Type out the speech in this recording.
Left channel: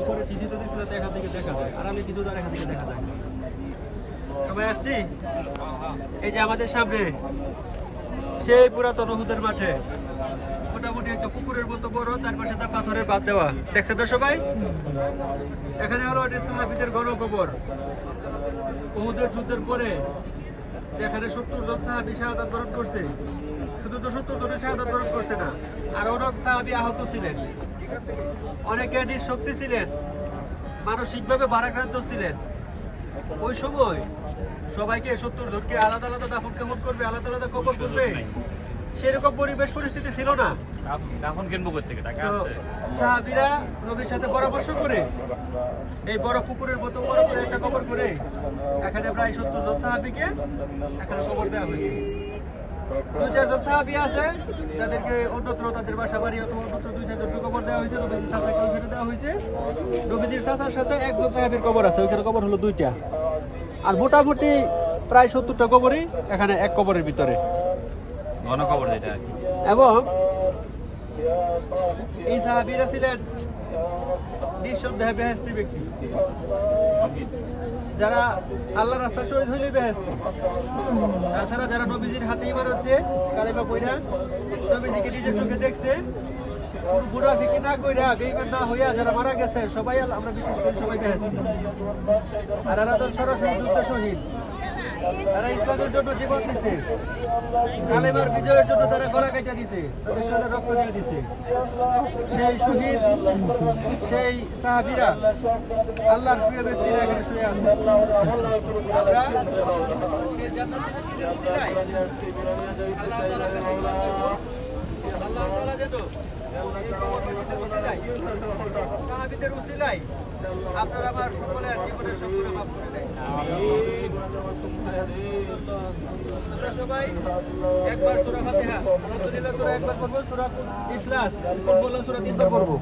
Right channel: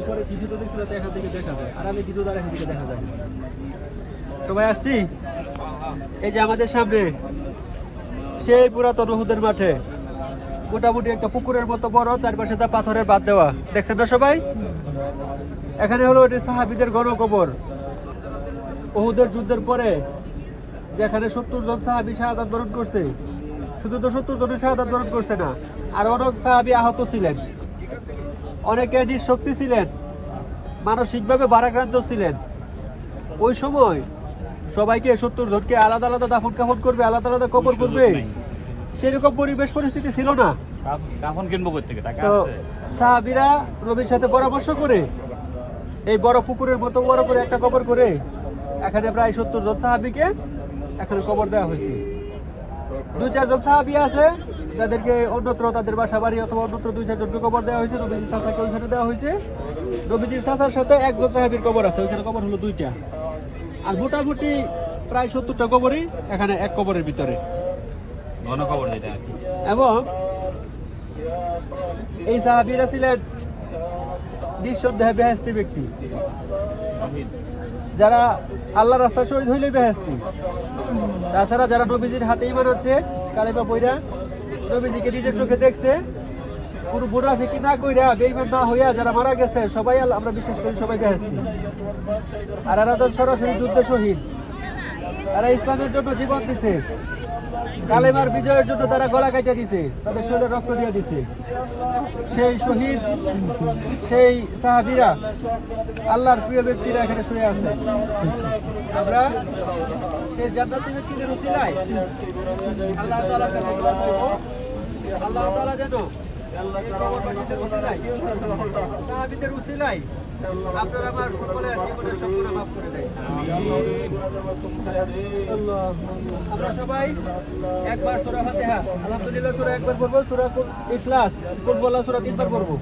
উপরে চিঠি তো দেখছিল এখান থেকে দেখা যায়, আর আমি কিন্তু এখান থেকে দেখা যায়। সবাই আসছি, এই যে আমাদের সামনে সেই পুরাতন উহুদের মাঠে মোটামুটি একটা পুকুরের মতো বড়, চারপাশে তা পাথরের বাদ দেওয়া, দেখছেন না সবাই? এখানে হলো এটি সাহাবীদের গণকবর। উহুদের যুদ্ধের পরে যেখানে 70 জন সাহাবী শাহাদাত বরণ করছে, শুধু তো 70 জনের শাহাদাত বরণ করছে না, আর অনেক সাহাবী আহত ছিলেন, অনেকে নিঃশক্তি ছিলেন, মানসিকভাবে ভারাক্রান্ত ছিলেন। ওই সময় সবাইকে 70 জনকে আলাদা আলাদা দাফন কাফন করবে, আলাদা আলাদা কবর করবে, সেরকম পরিবেশ পরিস্থিতি ছিল না। তো সাহাবীরা নবীর সাথে পরামর্শ করে এই বড় পুকুরের মতো বড় করে একটা কবর করে এখানে প্রায় 70 জন সাহাবীকে এখানে কবর দেওয়া হয়েছে। 2-4 জন সাহাবী আছে যাদেরকে অন্যত্র তাদের বাসা বাড়ি অথবা অন্যত্র 2-4 জনকে কবর দেওয়া হয়েছে। নবীজির চাচাকে ওইখানে দেওয়া হয়েছে। নবীজির চাচার সাথে একজন সাহাবীর কবর আছে, ওইখানে কবর হলো 2টা। আর মোটামুটি প্রায় 70টা কবরই এখানে এক কবরের ভিতরে, গণকবর যেটা আর কি। এবং এই সাহাবীরা ছিলেন নিঃসন্দেহে বেহেশতি ব্যক্তি, যারা আল্লাহর রাস্তায় শহীদ হইলেই বেহেশতি। তাছাড়া যারা নবীজির হাতে ঈমান আছে, কালেমা পড়া, নবীজিকে নিজের চোখে দেখছে, কোনো মুনাফিকি না কইরা বেঈমান না হইয়া যারা মারা গেছে, সবাই আমরা বিশ্বাস করি সবাই বেহেশতি। আর এরা তো সরাসরি যুদ্ধে শহীদ, তারা ইসলামের জন্য জীবন দিছে, কালেমার বিজয়ের জন্য তারা গলা কাটা দিছে, তাদের শরীরে রক্ত দিয়ে দিছে। সেই শহীদ, সেই সাহাবীরা, আল্লাহর প্রিয় ব্যক্তিরা এখানে শুয়ে আছে। সেই জান্নাতুল নঈমের উসিলায় আল্লাহ তাআলা যেন সাহাবীদের উসিলায় আপনার আমার সকলের জীবনের সম্পূর্ণ মাফ করে দেয়। আমরা সবাই একবার সূরা ফাতিহা, আলহামদুলিল্লাহ সূরা একবার পড়বো, সূরা ইখলাস পড়বো, সূরা 3বার পড়বো।